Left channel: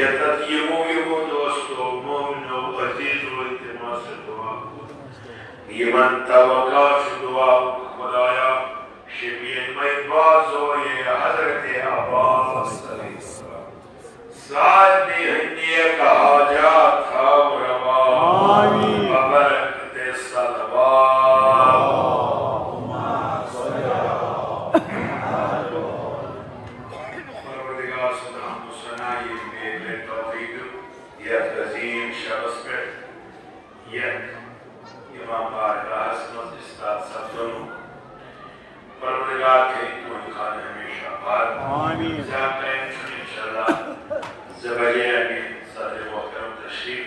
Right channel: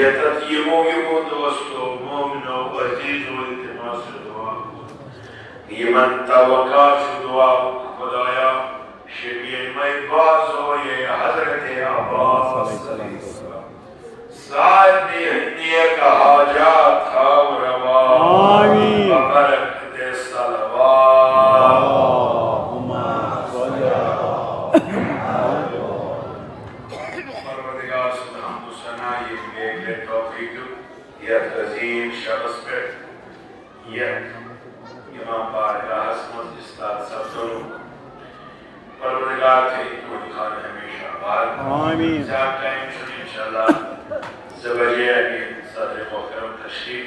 Yetatimu yumu dostu, mumnu azizu iltimas dua. यमन तवक्का दुआ खुदाया शफीन में बाजो ये हजरत अब्बास साथ भी हन्निया का हाजात था रवा बरकत सलवात परवरदिगार सुब्हानहु सना ये मेरे तौफीक या तज़ीम शबस पे ये इमाम बारगाह मस्जिद इस्ताद सब्दुल परवरदिगार के तो खान हमेशा बार आमीन जाके इंशाअल्लाह ज़बरिया के सदर मोहतरम तशरीफ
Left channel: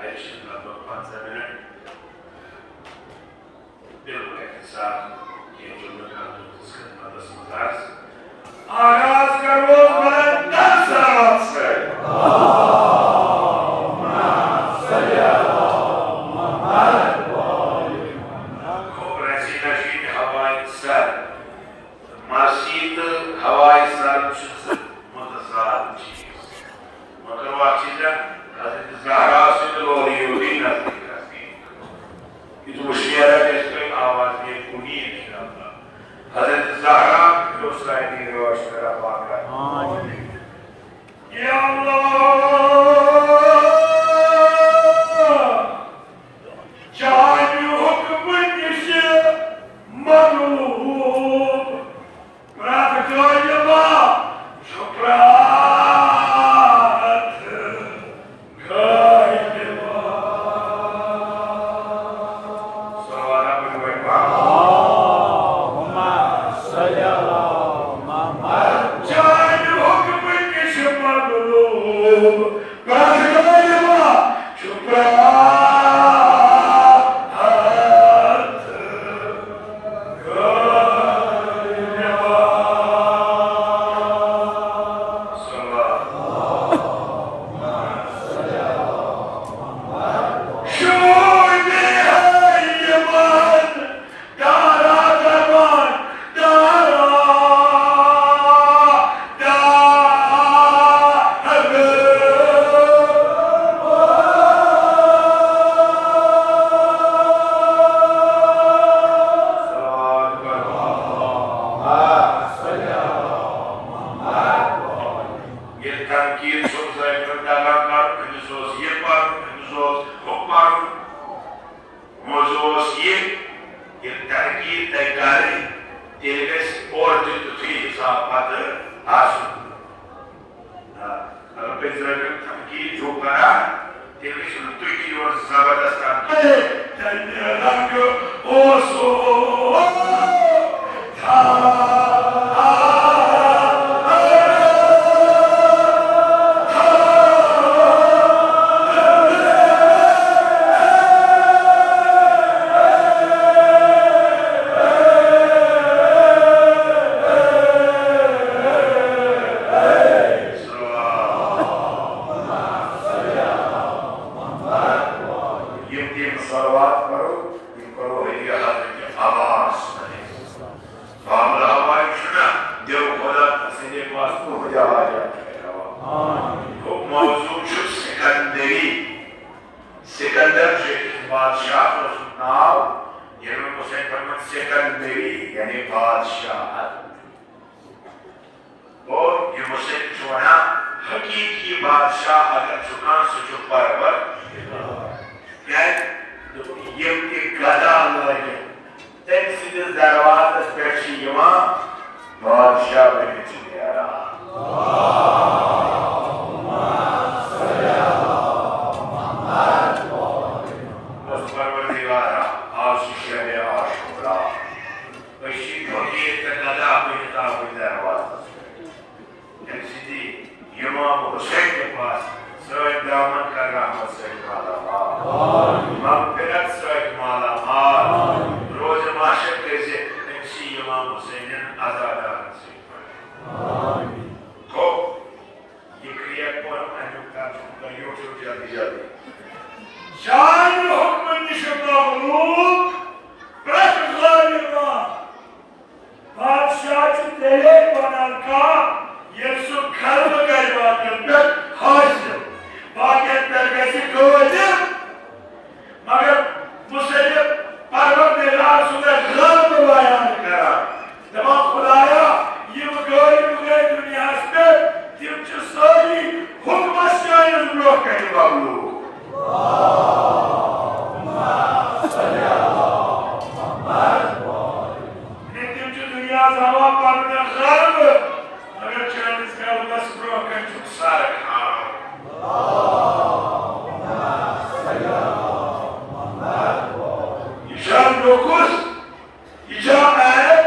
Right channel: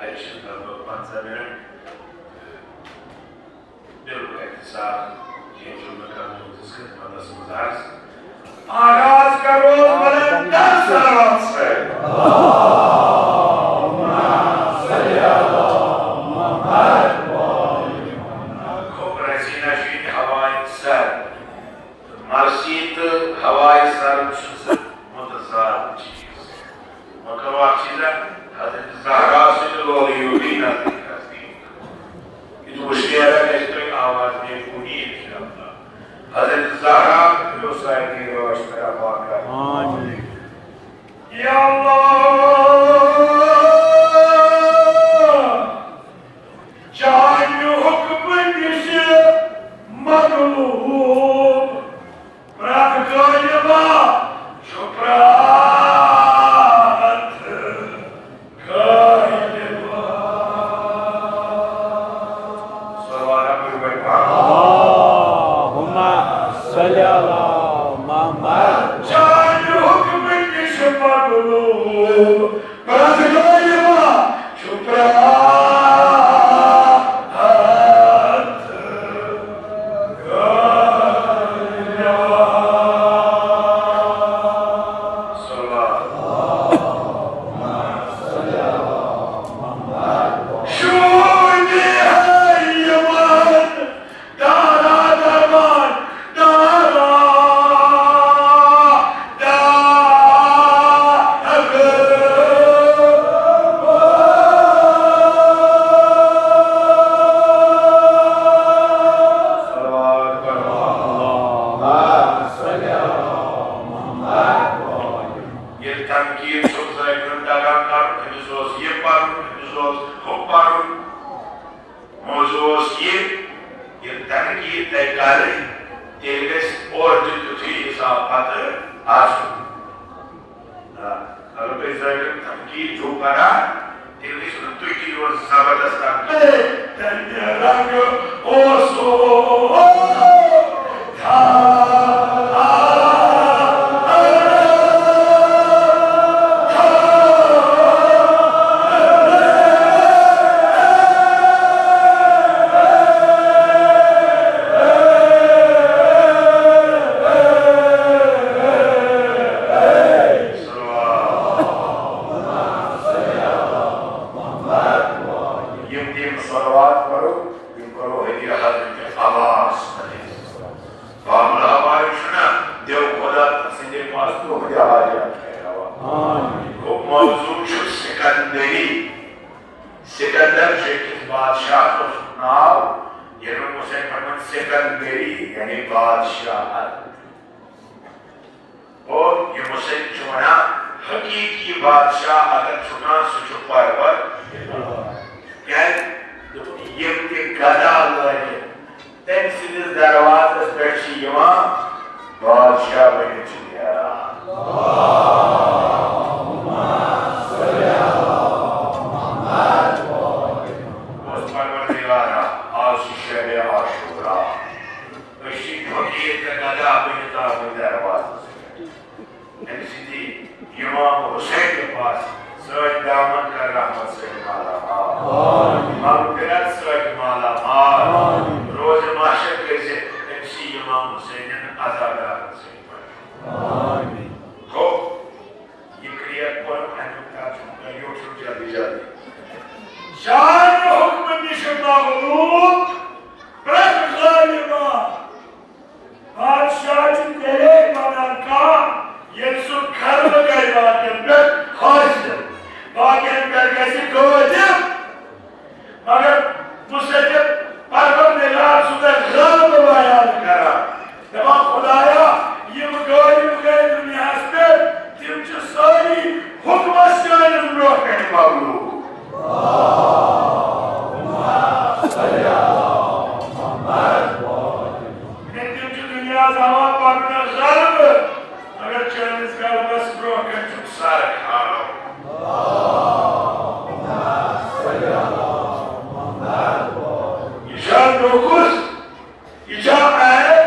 आयशा लगभग 5 मिनट बिल्कुल एक साथ ये जुम्मे का खिदमत गुजार आगाज करो बुलंद सलावत से मस्जिद हवाई सर मुतज़ाद चीज़ मगर वो चीज़ हज़रत ज़हरा से लोग यूँ ना करती ये तो शेर है इसकी आवाज़ में उम्मीद करता हज़रत ज़हरा जो सारे के रवाज तरफ आकर या अल्लाह जान हुक्म निशे मरूब Praktoljeva Šuprat Kajeva Salawat Abu Bakr Allahumma salli ala Muhammad Jan hukm nishmaghlub Praktoljeva Šuprat Sikandar जिस बादशाह को नाम इमाम हुसैन फरमान सिकंदरी यानी बादशाह और ये हुसैन चुना हकीकी बादशाह अगर चुना सुचु परवर क्या ये के गदा लगे तम सिद्ध दरवाजे पे यमा बादशाह बने चुका इमाम हुसैन के पास सर दामन का रहमत से माला मग़फ़िरत से माला रोज माशर कैसे इसी इमाम हुसैन आज़ादार से हो ये क्रिया को हम अनुता करियो तो जल्दी जल्दी शान हुक्म निशमगलूब प्रज़ालिमा बादशाह तेरे बना का ये सुख खर्व कर बात हासिल बाकी अंदर कैसे कोई मगर मुझसे गल्ब बयान करा दबा खुदाया यम गरीब गए दुनिया पे तिम च सारी हुक्म शान ब्रोह कह बाबू तिम च दुनिया जमा पर गल्ब अगर चाइनीज गल्ब बस ब्रोह कह सार खाओ Ijab dokuz, icab ayet,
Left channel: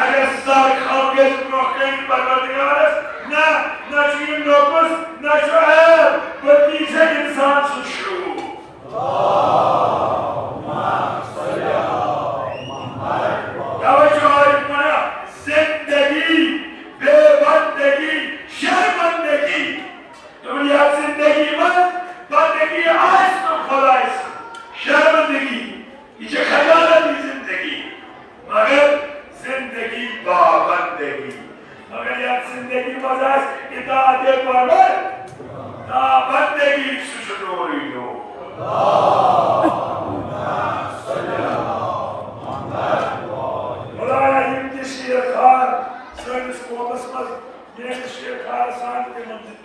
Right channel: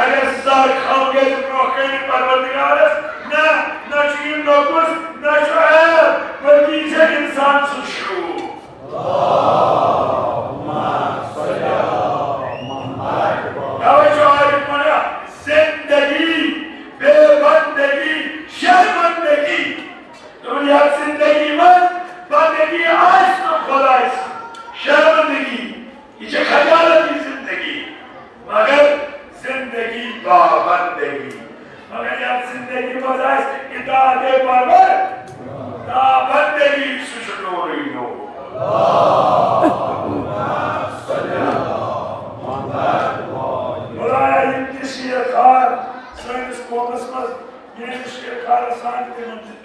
agar sizlar xalqet muhakkani parvardigarız, na şu 29, na şu ayet, balki icab insan suçlu. Dava şu arif bana, zindagi, bebandagi, şermandagi, तुम याद जिंदगी में बंदगी आज तो खुदाइस शर्मंदगी ये खजानत की जिंदगी मगर जिंदगी बाबंदगी मगर याद जिंदगी मजाइस इतादे परवर ता बंदगी सुशुरोरी हो खुदाया इनकी शेखार सर्विस कोमसमस ये शेखार सांते मंजिल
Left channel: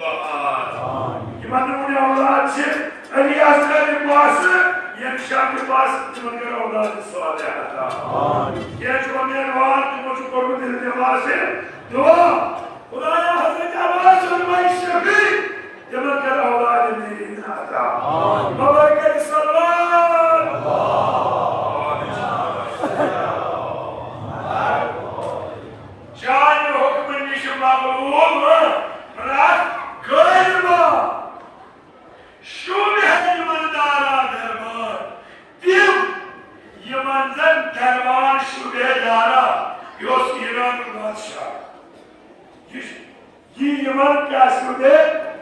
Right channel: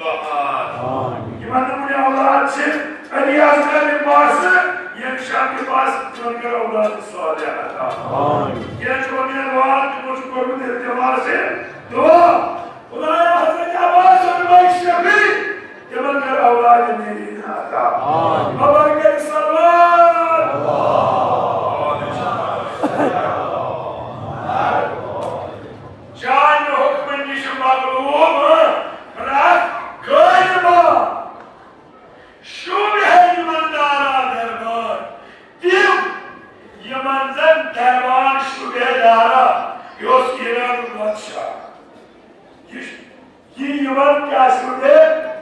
Gimana punya Allah sih? Alias dari pas, yang syakir pas cuma kira Allah soalnya kata. Yang cuma niat cuma cukup berhenti masih doa. Khudaya Hazrat Abbas और Maishabi cuma kira Allah ini kata. Memberikan salawat. Jangan hukum ini semua belum, berat, kaya. Şube limandara derbar, dim yamanzan derbar şube dara, yos İran baदशाह. ये Yemen का शube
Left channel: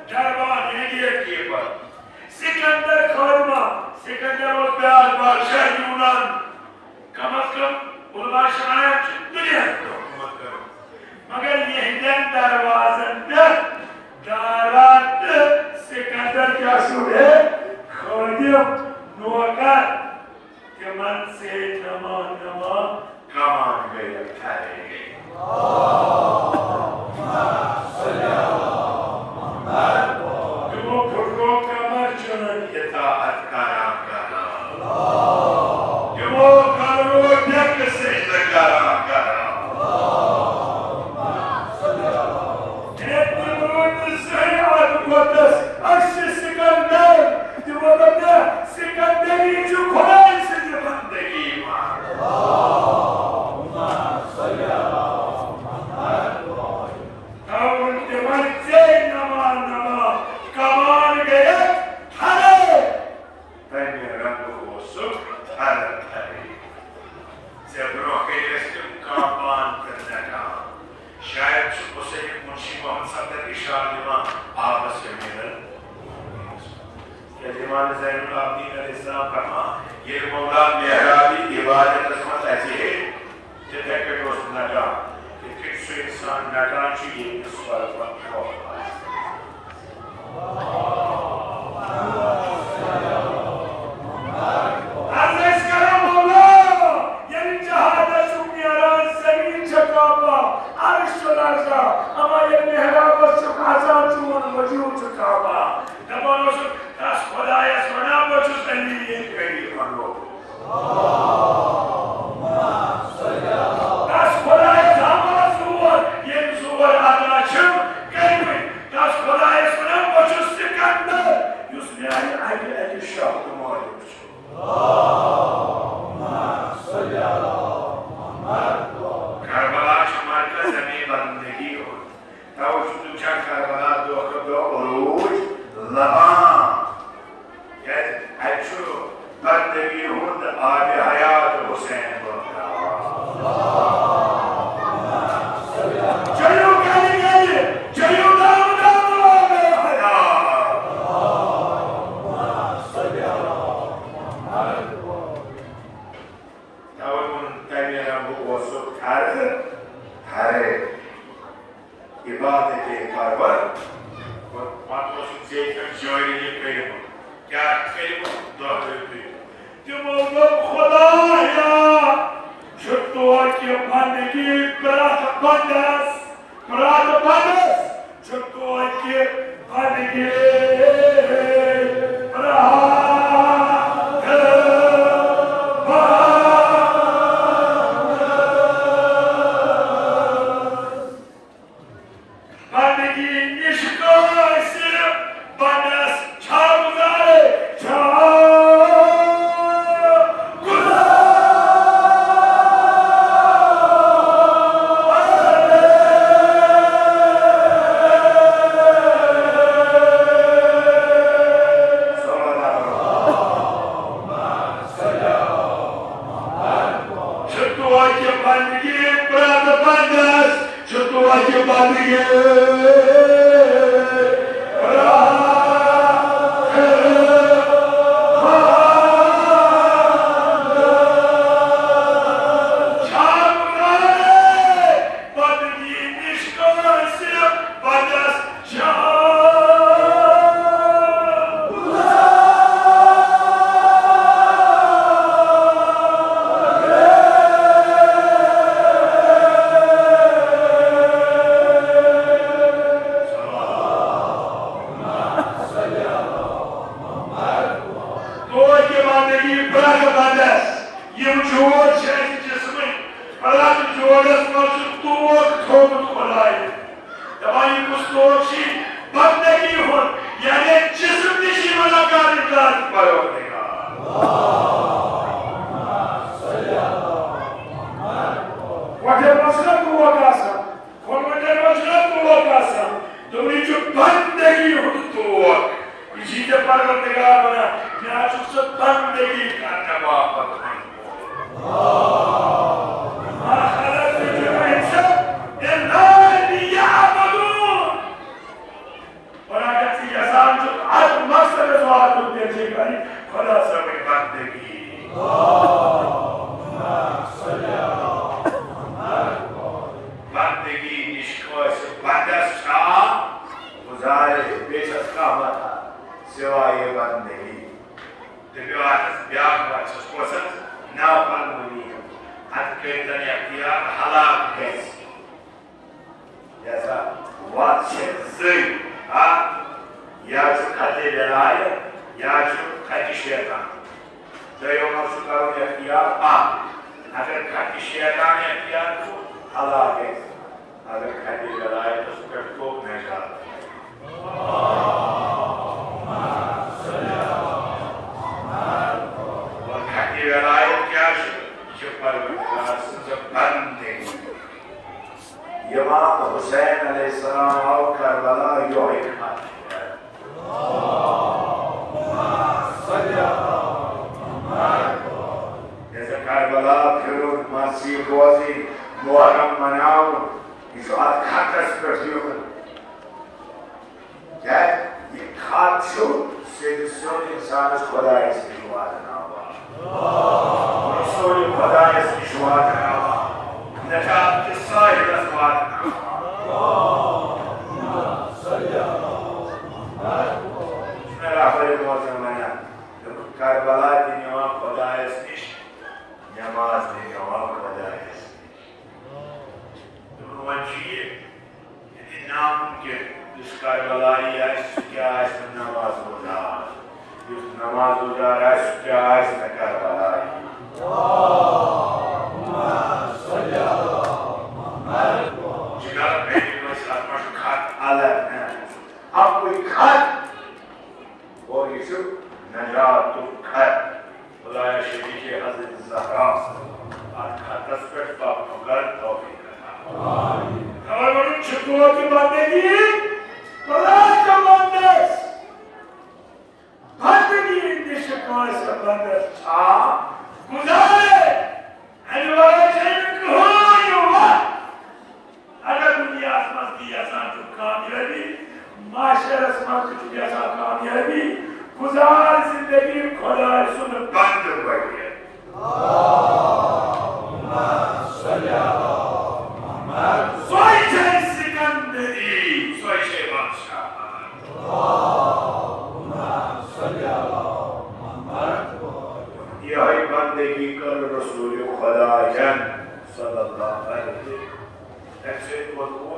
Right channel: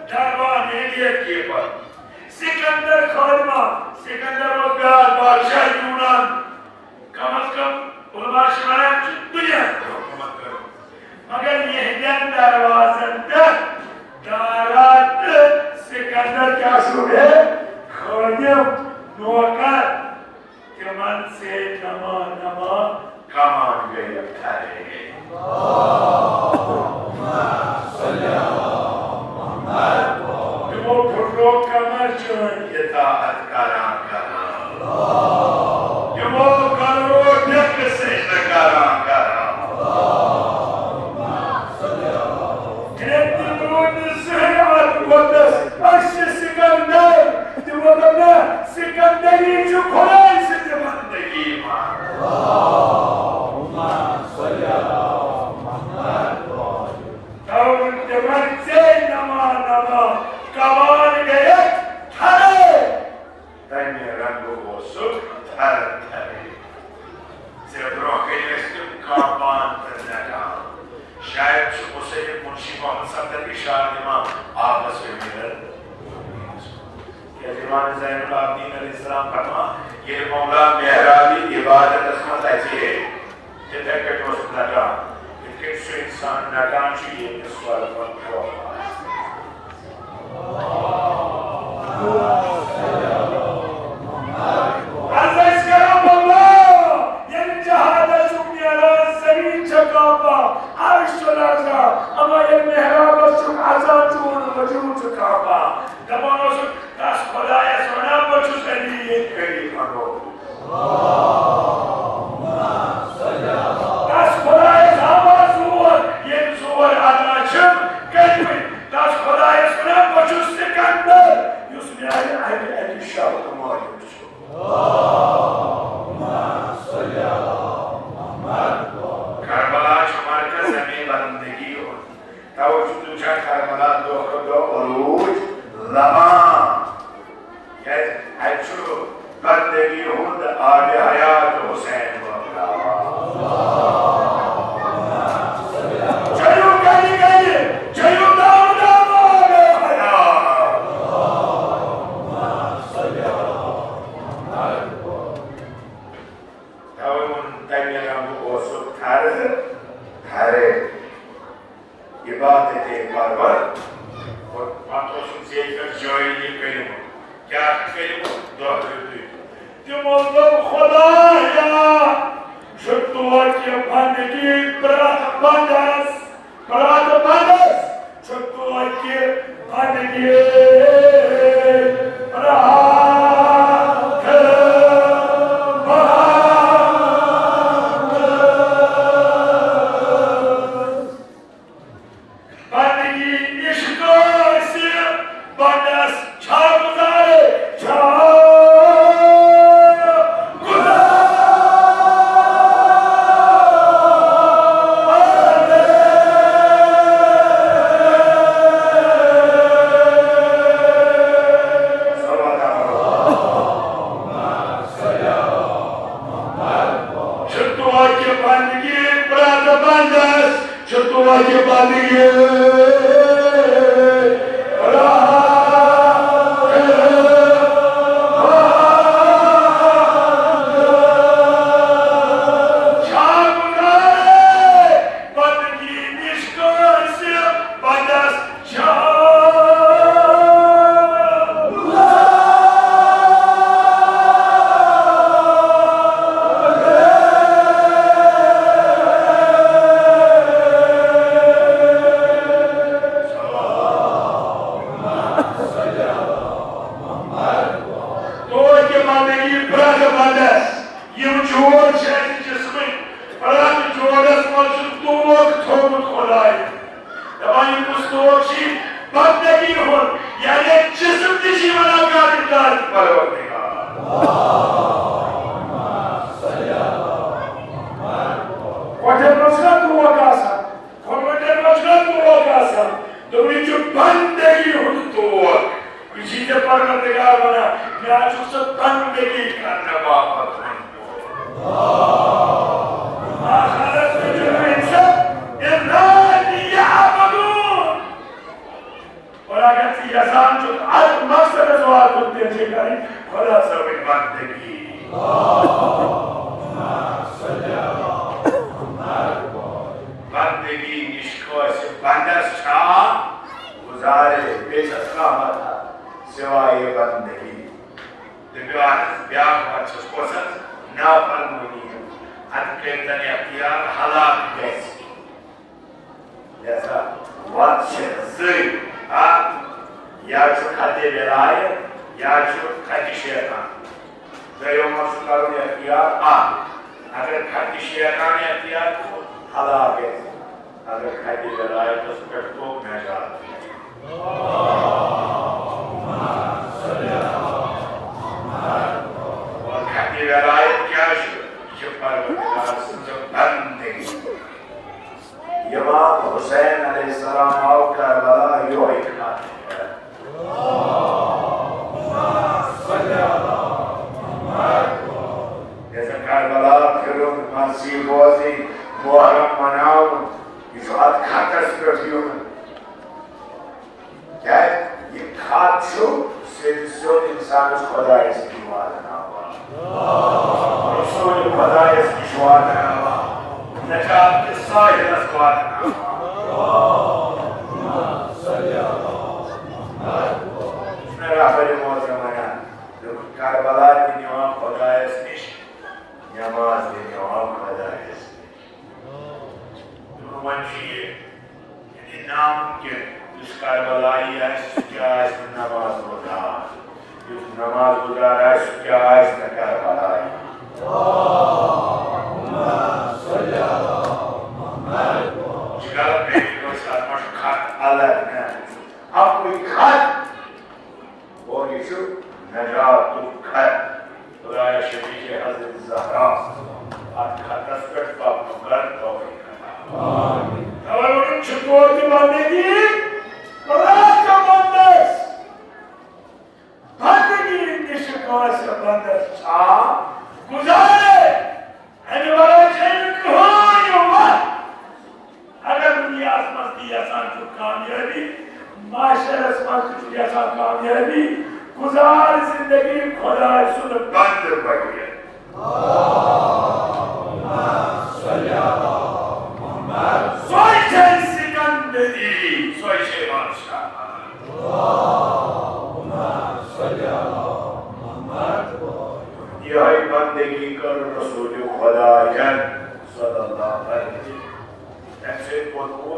derbar area के पर. सिकंदर खालिमा, सिकंदर रोजगार बादशाह यूनान, कम अज कम उलमा शमाना दुनिया को मगर ये जन दरवाज़न तक दारात Sikandary का शube खादिम नौकर के मन से नमा नमा कमान गए ठहरेंगे वो फुटो कमर चुन इताअत करा वो करो ढक से करा Sikandary जो खुदाई से बंदगी जमान से नमा नमा कमान गए हरे तन्य रंग वो सुख हर हरे ज़रूर के इसके कमान पर लगा शायद उसे मुंशी मोहम्मद सदर की शादी में आपस में मिल इमाम ज़ैनुल आबिदीन अलैहिस्सलाम फरमा ये मौला मेहराबी इबादत असमत ऐसी है जितने के को नटा इनके से इंसान नटान चाहिए इस सवाल पर अल्लाह इसका मौला ये जहाद सुनियारा ज़मीन चकापा अर्श लर्ज़ा अमा ये मेहराब सुन आज़ाद चून वजूद चकापा दबानो सुन das खुदाया सोना बचुस करनी ये कहीं मनो das खुदाया साबा सुवर ये सुवर अनाचम कहीं das खुदाया सोना बचुस सिकंदर युसमें आगे शाह तुम्हारे बचु करबला चुमार कर संगे बंदगी हो तब तुझा करबला दो उरूज लमा Actual बंदगी होंद आज हयात हुसैन चलो कहिए चलो दाम दाम आ गया तब उन तैयार वो सब थारे इबादत कारबर और मातो से कर जोड़ी करें क्या कहीं दोहराते जो मौलवी खुदा या que bendegi brat bandas chuto que bendegi Hussain alayhi salam और करबला यो एक जैसे करबला फिरोज मासी बोझी मुहर्रम मनाओ इस बात खातर स्पर्शियों क्या ये खातु से जिसो इंसान उस खुदा इसकी बात ना इसो जो खुदा इसकी बात ना नजात के सारे रस्वात मेरा बड़े बहुत ज़माना जब करबला की नमाज खुदा इसकी नमाज देने वाला खुदा इसकी तो मंजिए यदि नाम के जिस करबला या इस क्या इस नमाज होगा जिस नमाज होगा इस क्या इस करबला जिगर पे कोई साथ खात अलग है अब कोई खात और इशु नजात तो खात खुदाया शरीफ के हज़रत ज़हरा आज खातस पे पाप मगर तौफीक kalau cukup cuma lagi berat bandas hati ini suka sebandas guzare ini walau jadi kuhuyuwa agar dunia asmas ki asan tu कामयाबी माशर asmas की asan कामयाबी गुजार जिंदगी खुदा सुन बंद कर दिया Soy Sikandary, soy Shehbansha. यही बंदगी कर रसूल खुदायन sallallahu aleyhi ve sellem.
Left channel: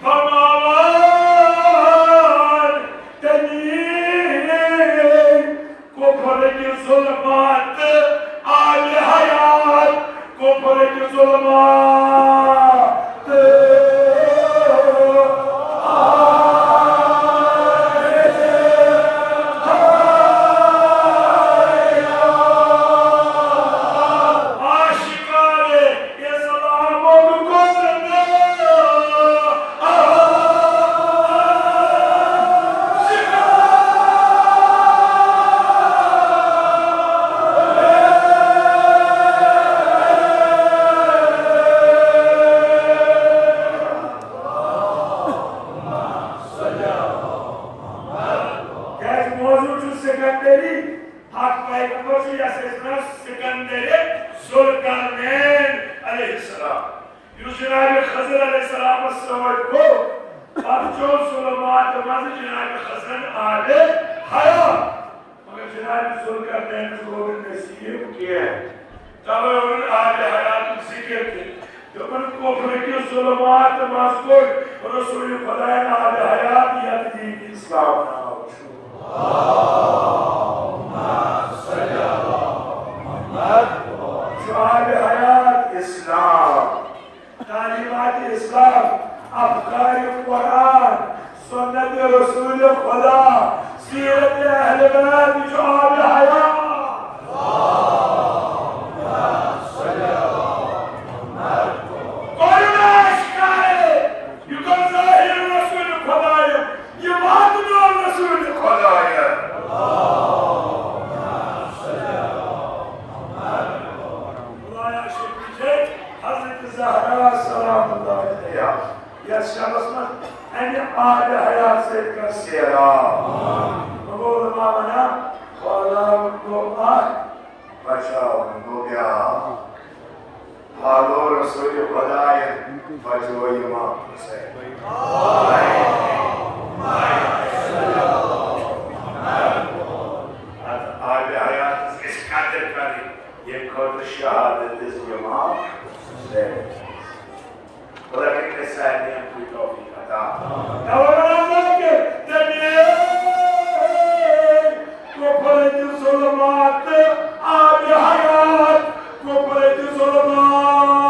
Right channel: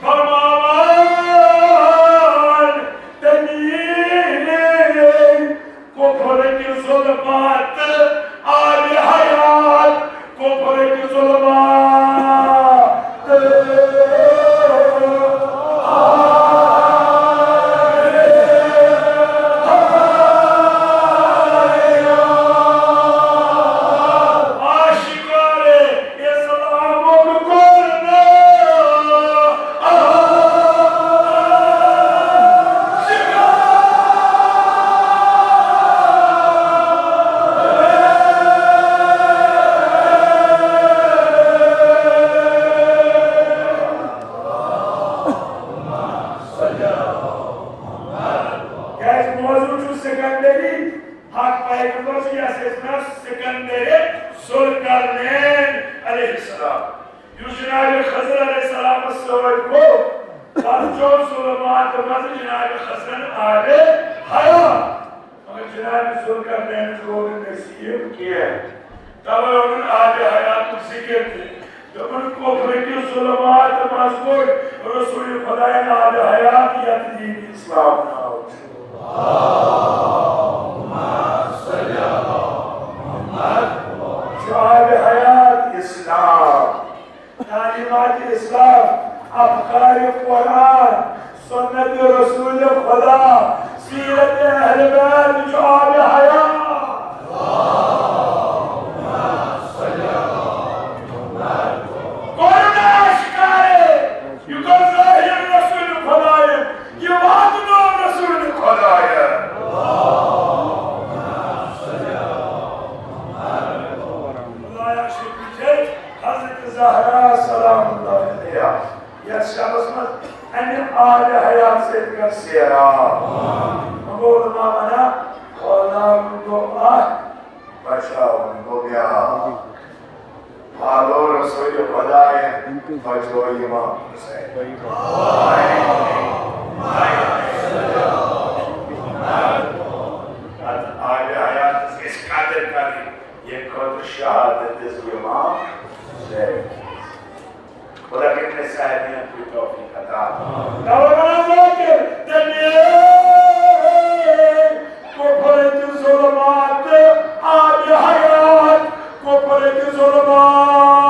Farman denir koparık zulmat abi hayat koparık zulmat Sikandary, hak peygamber siyasetinden Sikandary, Sultanın aleyhisselam. Cenab-ı Hızır aleyhisselam'a savaş bu. Parçon sulamatımızı Cenab-ı Hızır'ın adı hayat. Maka Cenab-ı Sultan'ın golü nesiyim ki, tabi onun adı hayatı zikirdir. Onun kofreki sulamatımız koy, Resulü Khuday'ın adı hayat yadı din İslam'ın. Shoaib حياة إسلام تعليمات إسلام أفكار القرآن سنة رسول خدا سيرة أهل بيت شعاب حياة قرنا أشكاره يقول ظاهر رسول خدا يواتنا رسول خدا Zahra salamullahi aleyha. Yaşamasına en âli hayat setkan siyara. Mabul mamana, Allah'ın du'a, bachao nubya. Halo Resulü Khudayın, bacho İmam Hussain. âli hayat is kadir kari. Ye kadir şehadet is İmam Hussain. ولكن الثاني بتوفيق دورنا ذاكر دنيا كفرت الظلمات آج حياة كفرت الظلمات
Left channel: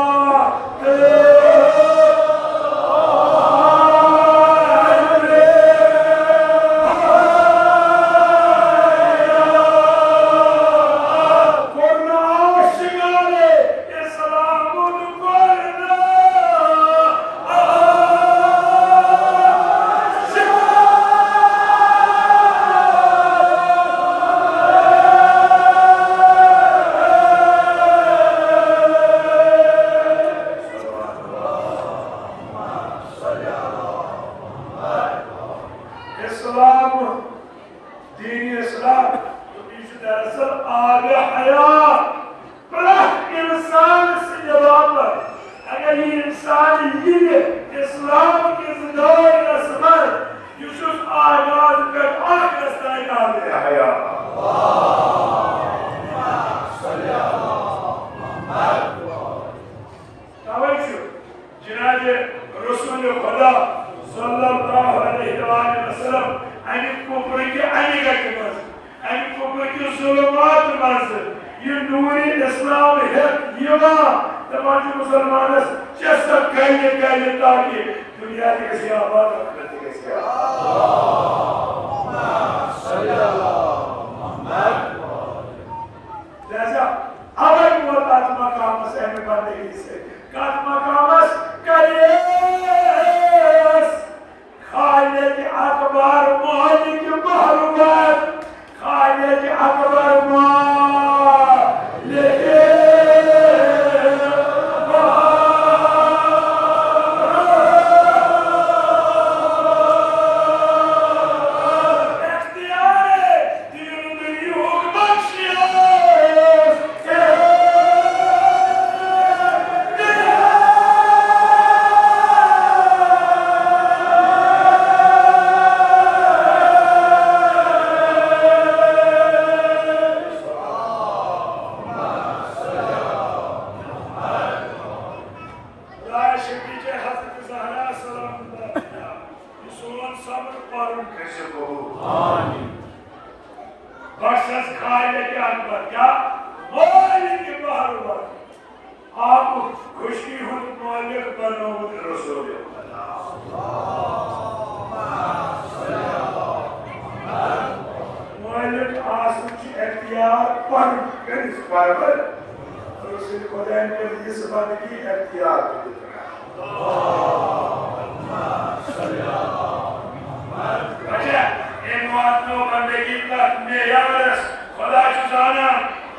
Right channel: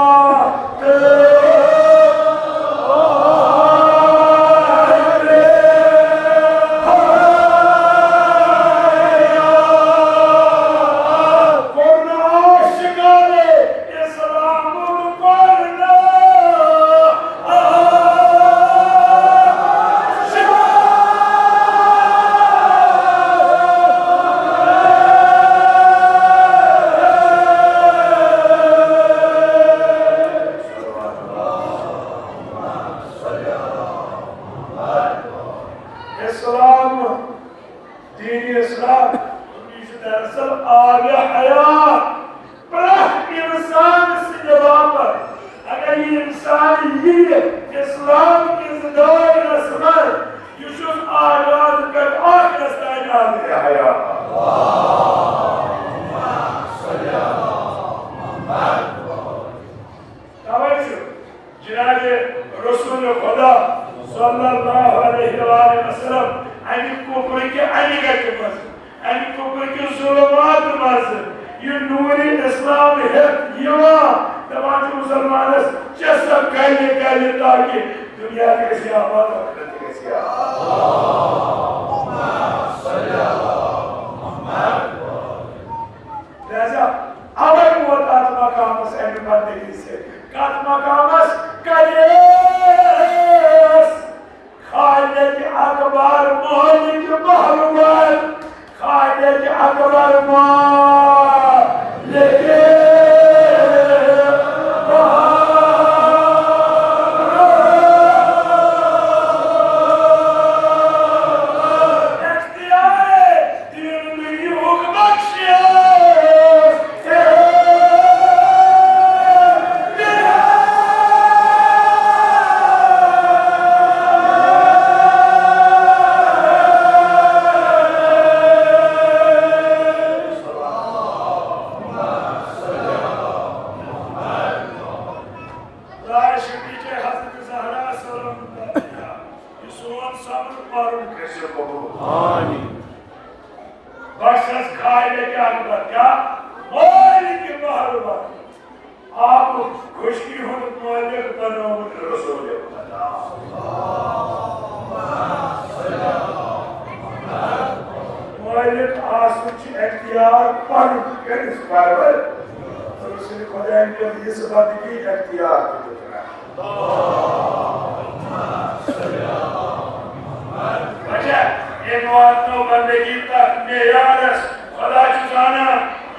कबूल। बख्शस खाए क्या क्या मोली के बाहर आप खुशी हो मालिक बनो रसूल मालिक आसुच इख्तियार पर किस पर रसूल खुदा के इस बात की इख्तियार अच्छा एक बात तो बंदगी तक मेयारस खुदा चुजाना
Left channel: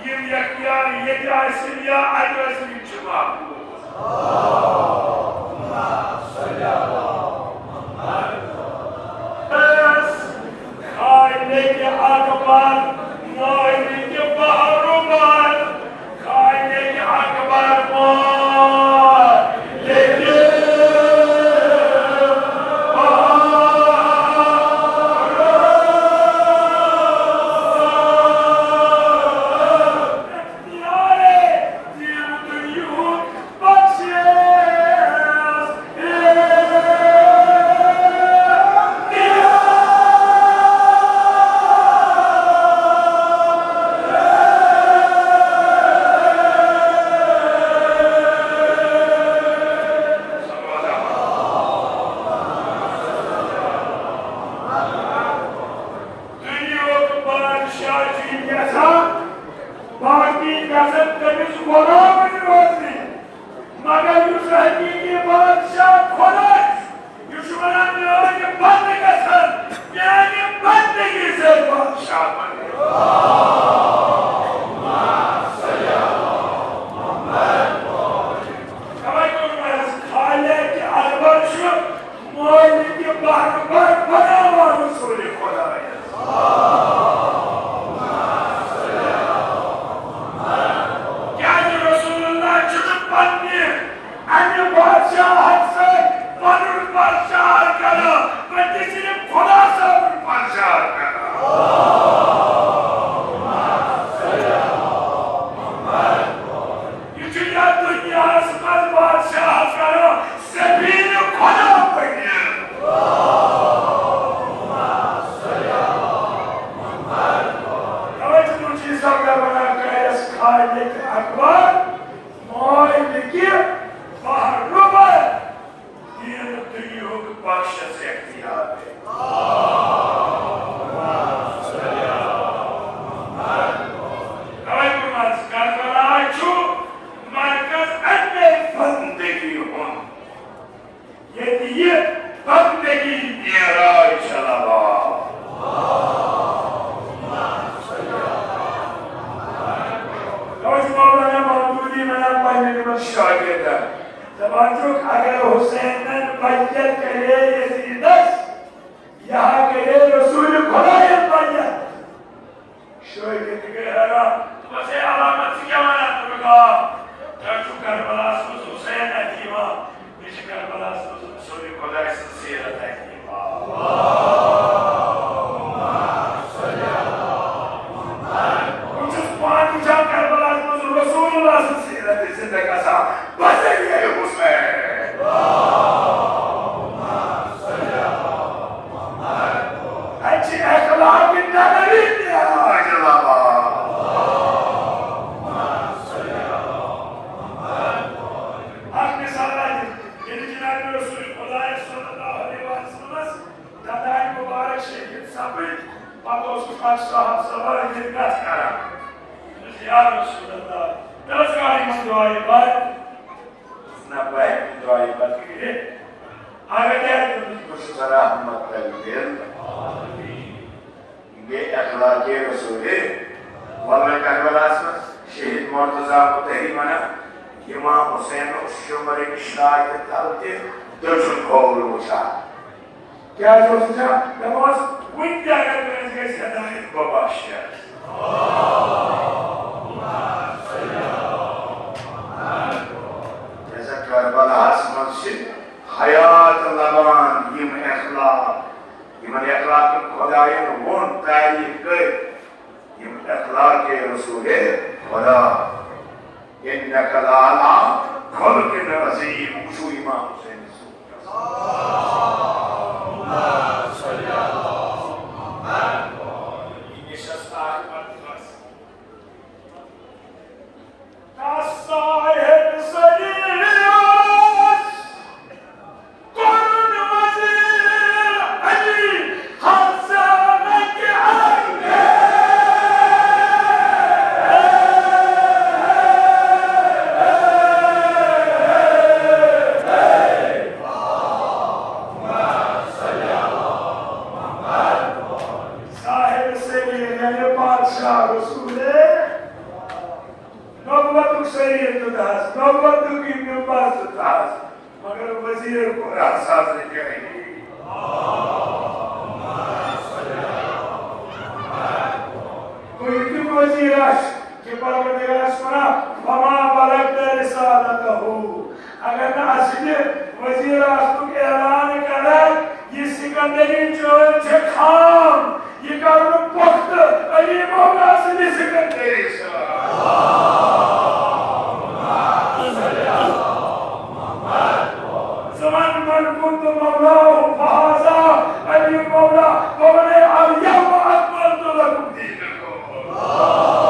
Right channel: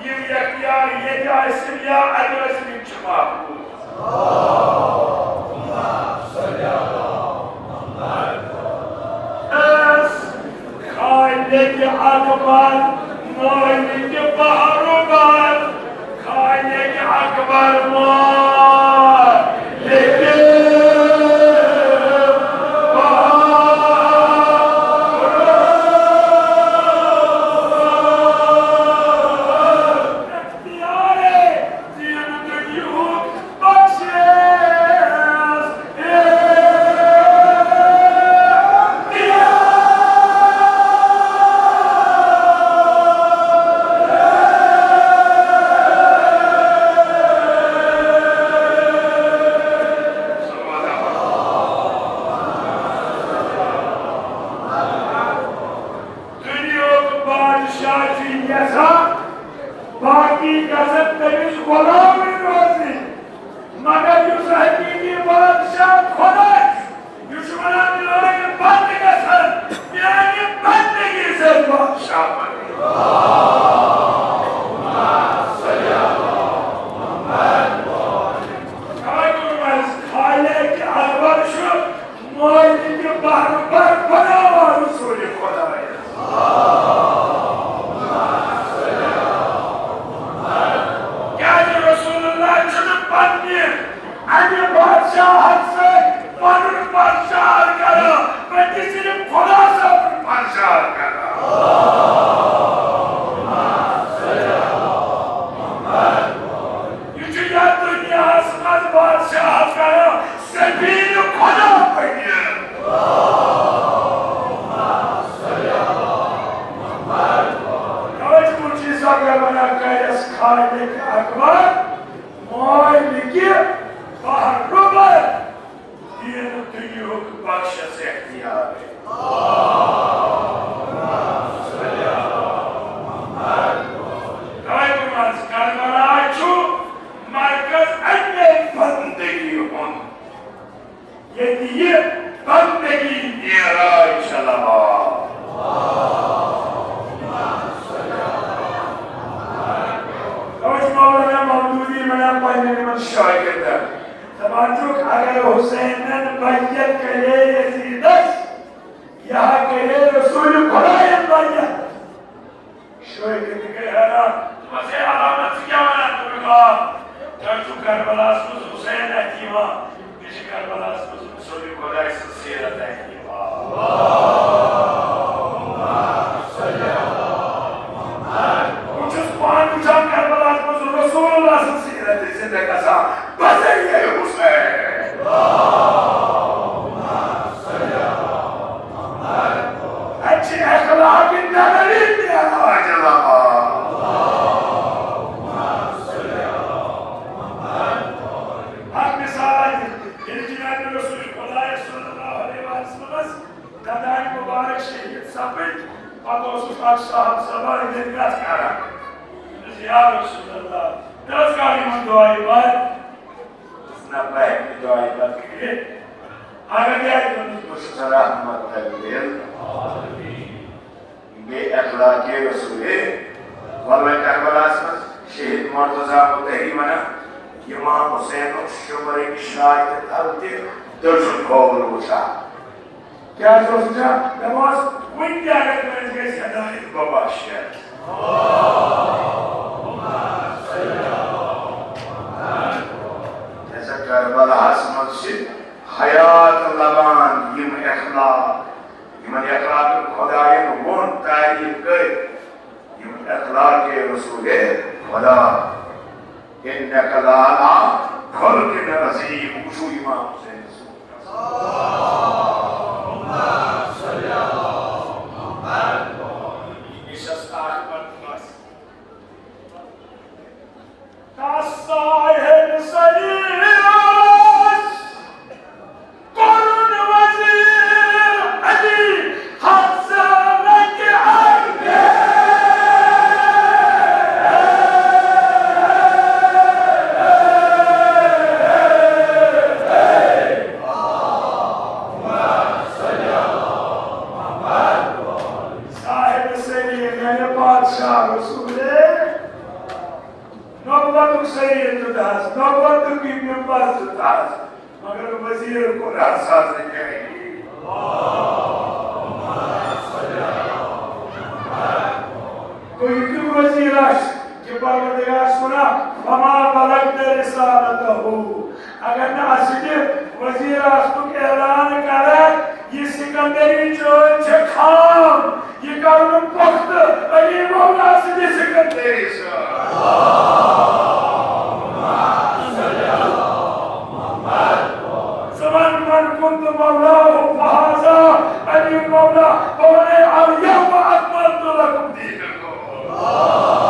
ये इख्तियार ये क्या इसलिए अजस में छुपा खाने के अखबार मोहल्ले के बाहर खाने के अखबार अगर हुसैन बैयत करे यजीदस यहाँ करे रसूल खुदा बैयत शोए के गया मसे alamat से क्या माना तुमने चाचू करबला से हुसैन है कि मां इस करबला से रसूल खुदा से सीरत है कि मां कुछ पान कुछ करबला से रसूलुल्लाह से सीरत जिंदगी सा बस ये हुसैन अच्छे अखलाक नबी दिया अल्लाह साहब सवाल निर्गत करा या रसूल अल्लाह नमस्कार इमाम दुआई बात ना बात दुआई बात के आगे जाए तो कुछ रहमत करिए आमीन ये अखलाक रसूल वल्लाह करबला में शहीद मुर्तजा मुतहिमाना इमाम हुसैन शुमर इशरा के तलते दर्शन खोल उठा क्या सोचा नमाज विद्या करने के सदा बख्शिया ऐसा करबला आसमान से हयात लबान यम अखलाक खुदाए वन तारीफ कर यम अखलाक रसूल खुदा इन्नका लअला खुल्किन अज़ीम शू इमाम हुसैन शरीर तुदास नौबत की मेम्बर तुदास मगर वजीर को रासाज ने कहेगी कोई क्यों वजीर कि परवरदिगार सुना फमा बलगत रिसालतहु अगर ना असके वजीर आस्तु के ऐलान करे ये सिकंदरी चोच खाम ये करुण वक्त अली मोहम्मद से सिकंदरी ज़मान मन कुंत मौला फहाजा अली मौला वने अल-यौम अकमलतु लकुम दीनकुम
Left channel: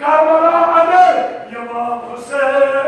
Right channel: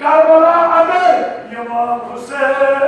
Karbala Amir, İmam Hussain,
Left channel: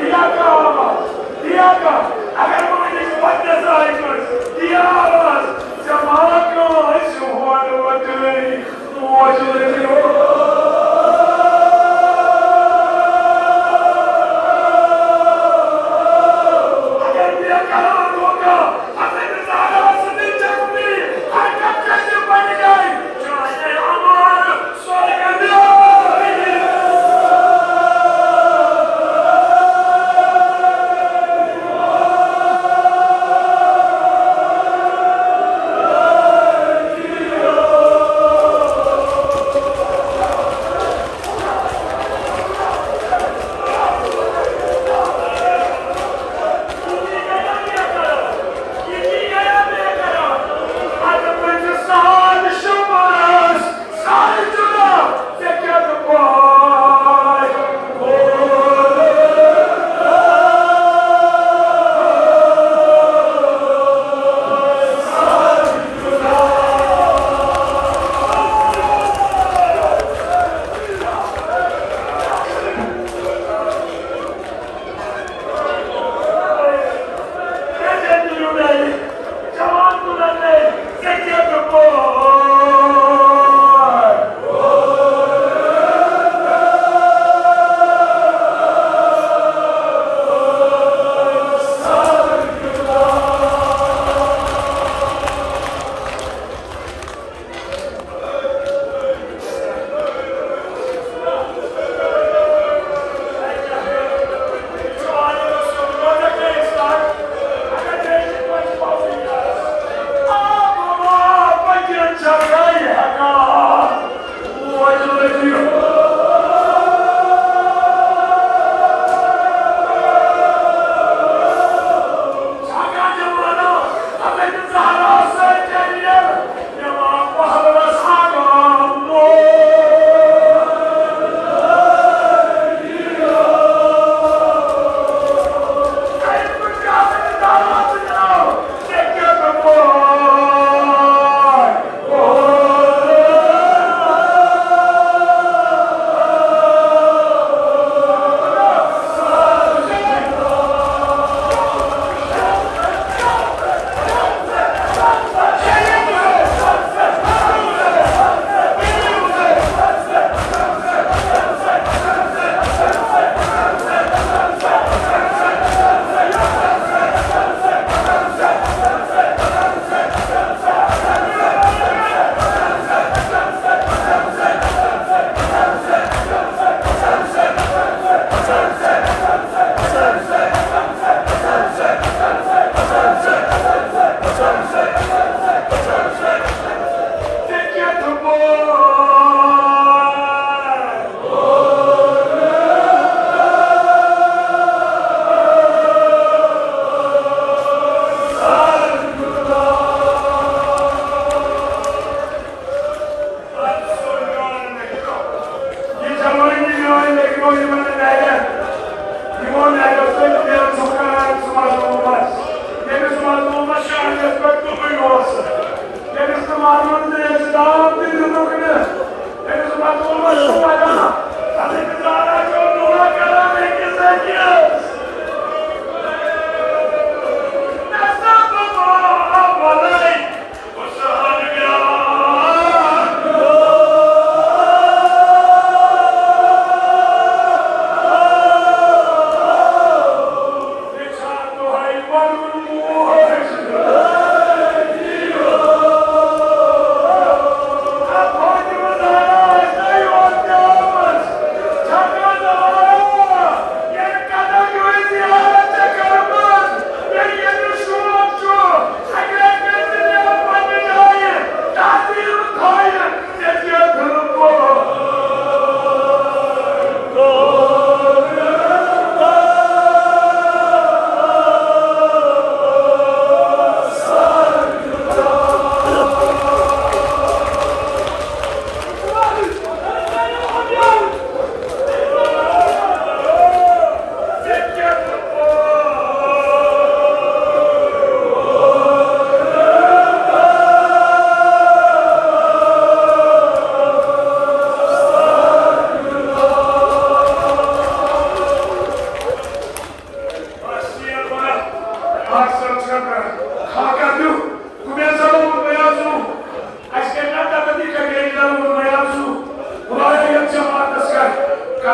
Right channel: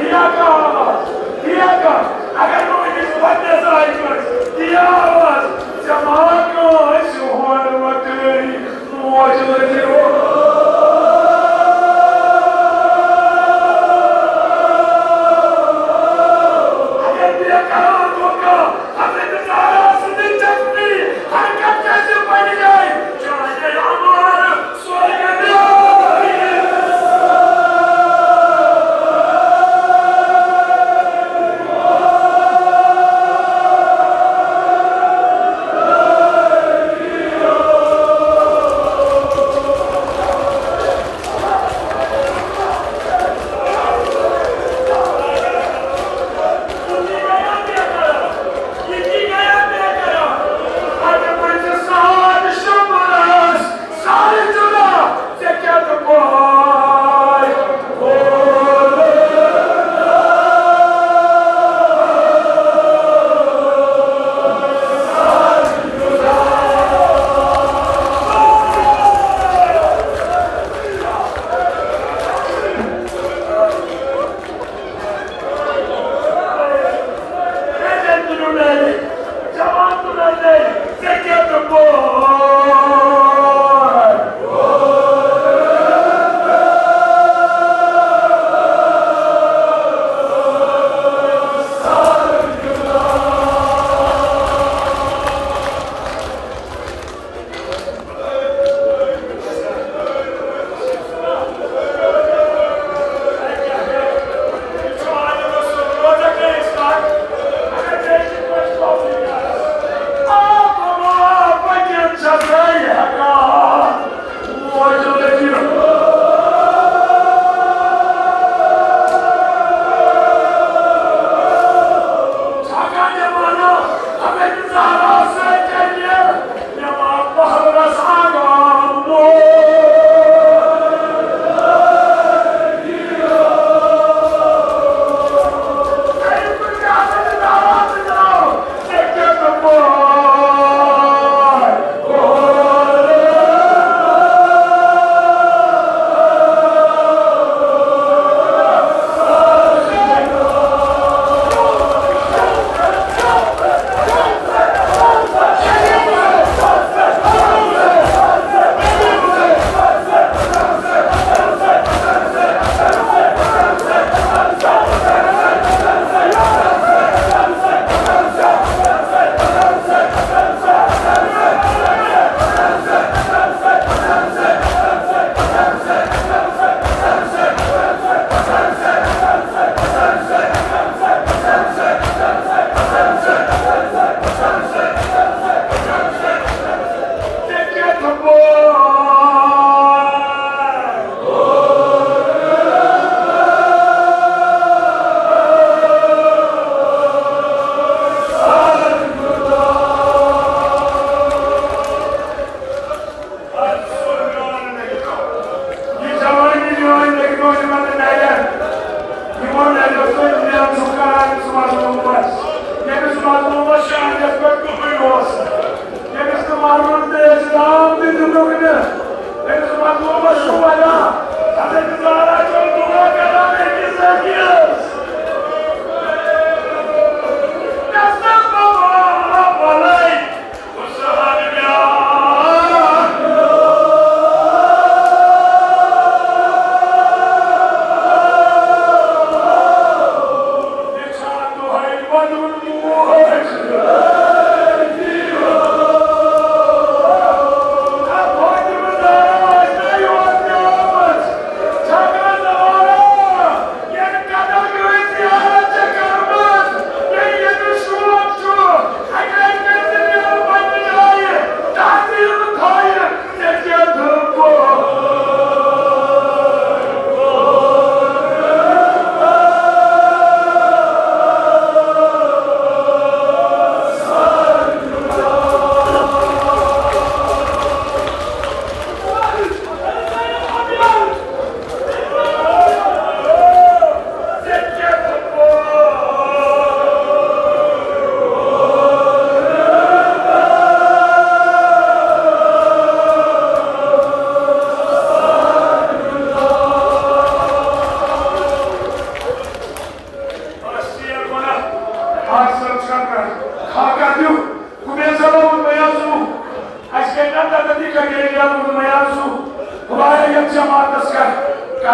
दिया का आवाज, दिया का अगर मुझे पता चला कर दिया आवाज जमा को शुहोर वतनी मुझे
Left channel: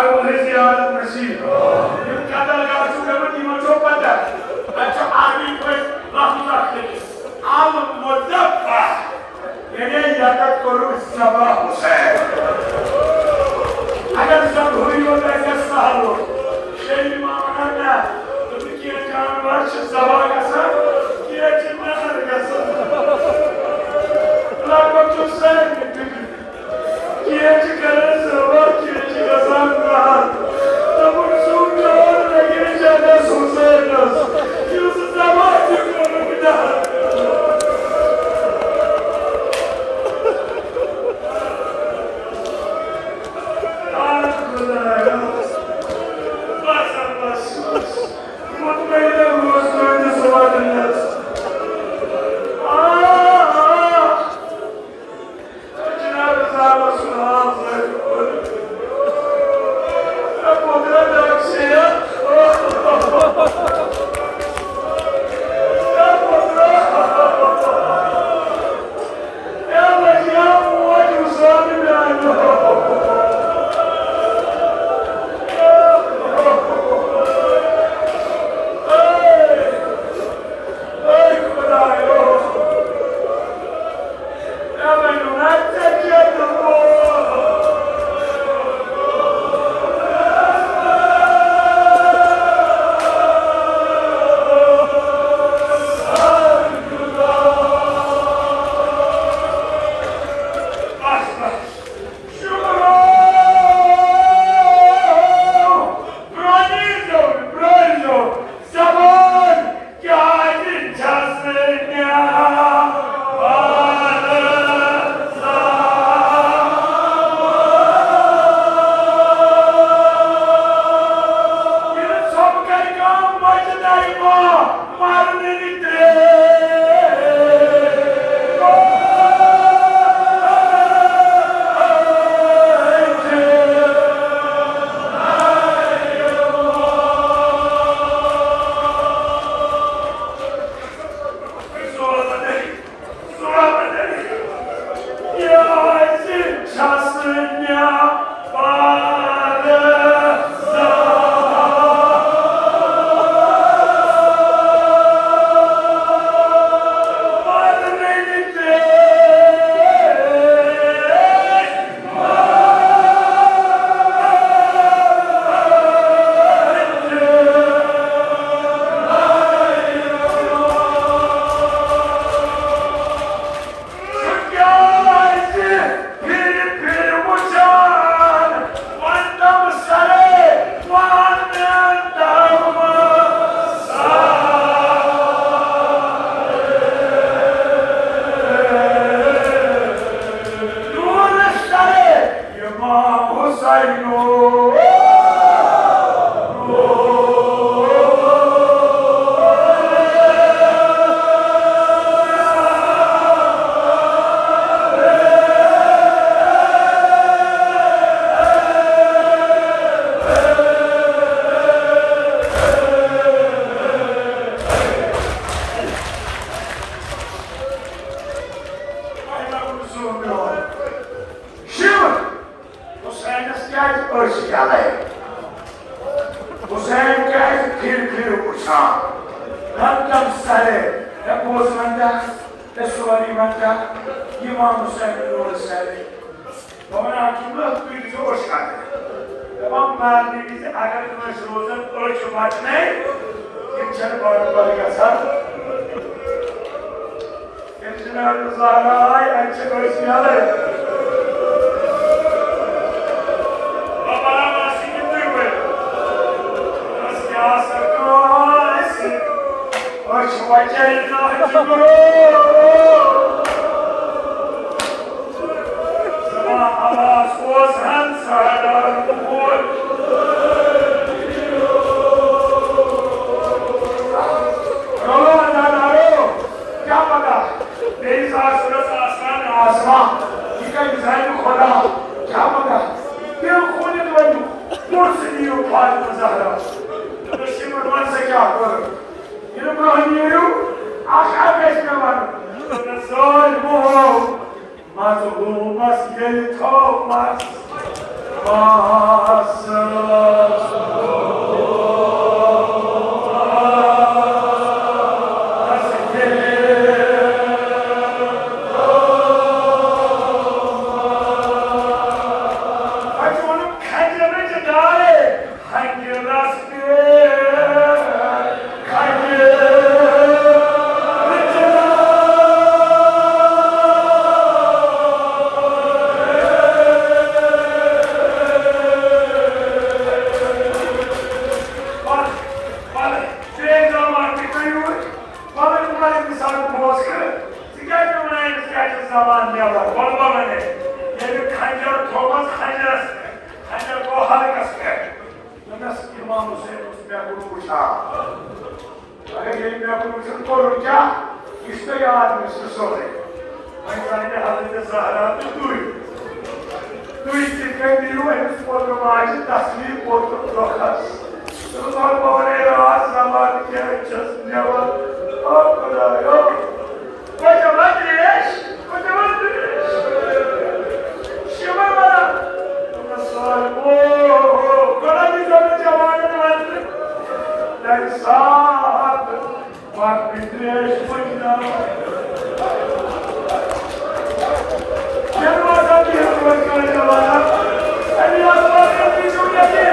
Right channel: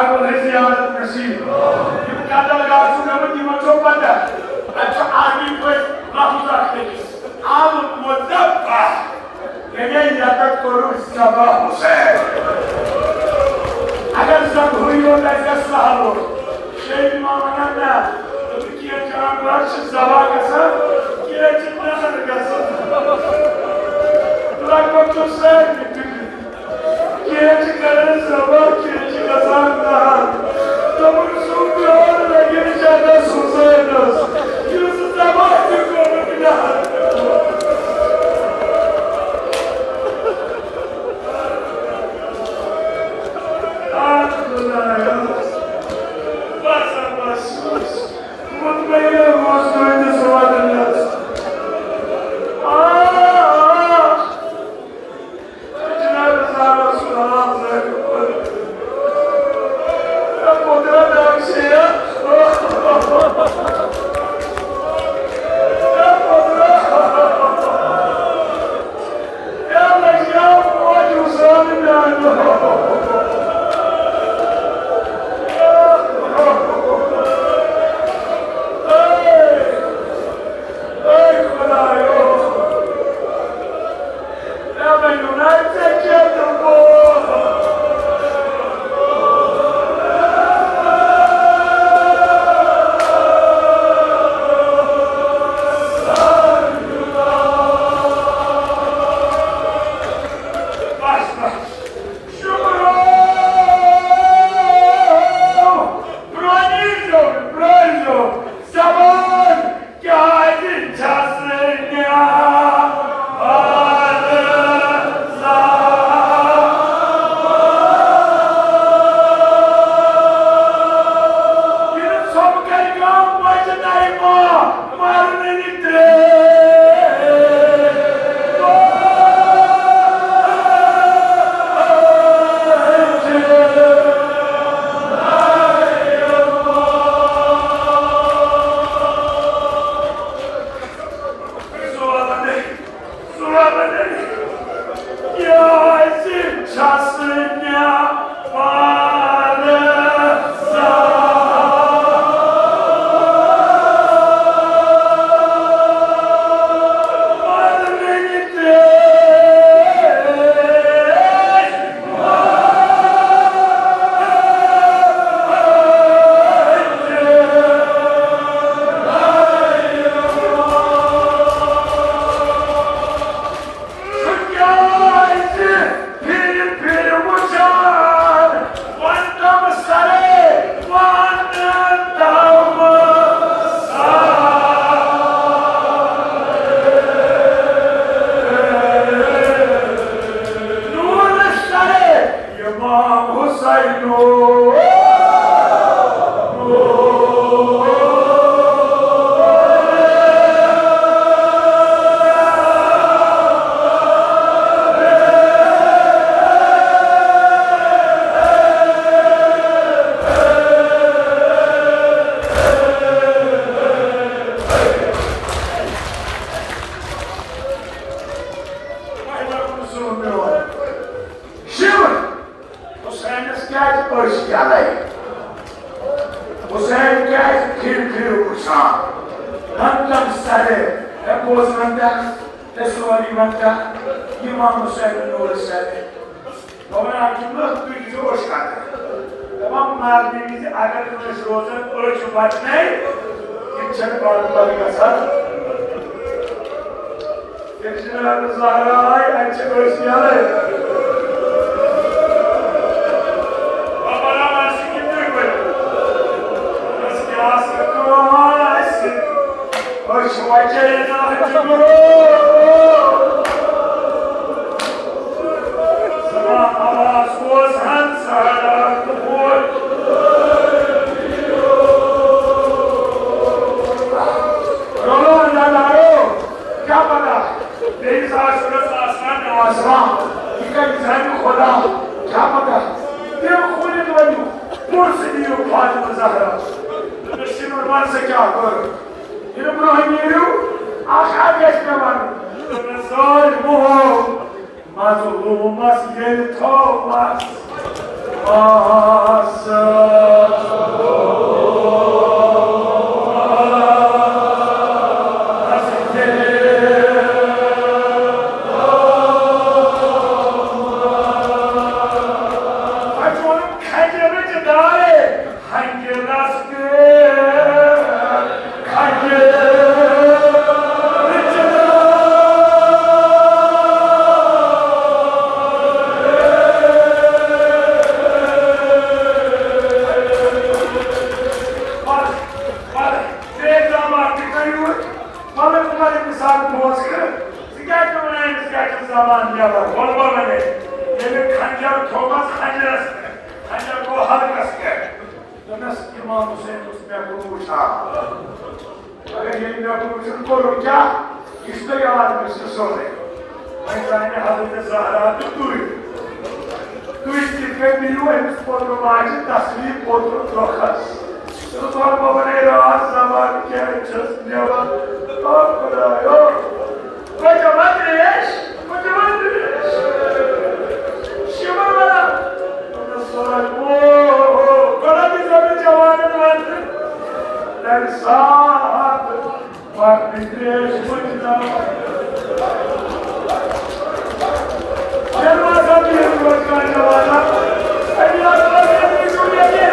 Bible is the art of the sea. You got the guys who never even talk about that. That's army with Mahmoud. I'm with that path. And then Yakat Kuru is Sabah Hussain. I got some who you like a Sahabo. Shay Mamana. The Kia Khan Marsh Zawakasa. Kia Chitana Gasa. Like what you said. Kia Chikaran Sabah. Kia Chikasanta. The Mursum John and against other Susanos. Use the Sabah to go with that. Hussain gets killed Usman. One Sare, that was one time, that's all he went down. Imam Hussain and all the Sare. But when I do not do it, you're scattered. The one man is Agar to his Rosen, or to what name? It's a Barabaga. It's not Zara, and she goes yelling. Mazmoon must get told us. halkas पे दनस इमाम हुसैन उसमें को पूछा अरे ये मैं पूछूं को क्या किसने याद में सोचे मैं कहने हज़रत ज़हरा तो तू इस्तिक़ामत हुए उस पोत्र माज तस्लीम पोत्र रोखस तो बाबा बने राज सवाल के चस नेवा ओ खुदायो Budgam शिवर वाला साल ओ बड़ा की समय जवान वाले तेरे साथ बात विदेश बजना जलवा का भी हिम्मत का जवाना अल्लाह पाक की सुनने के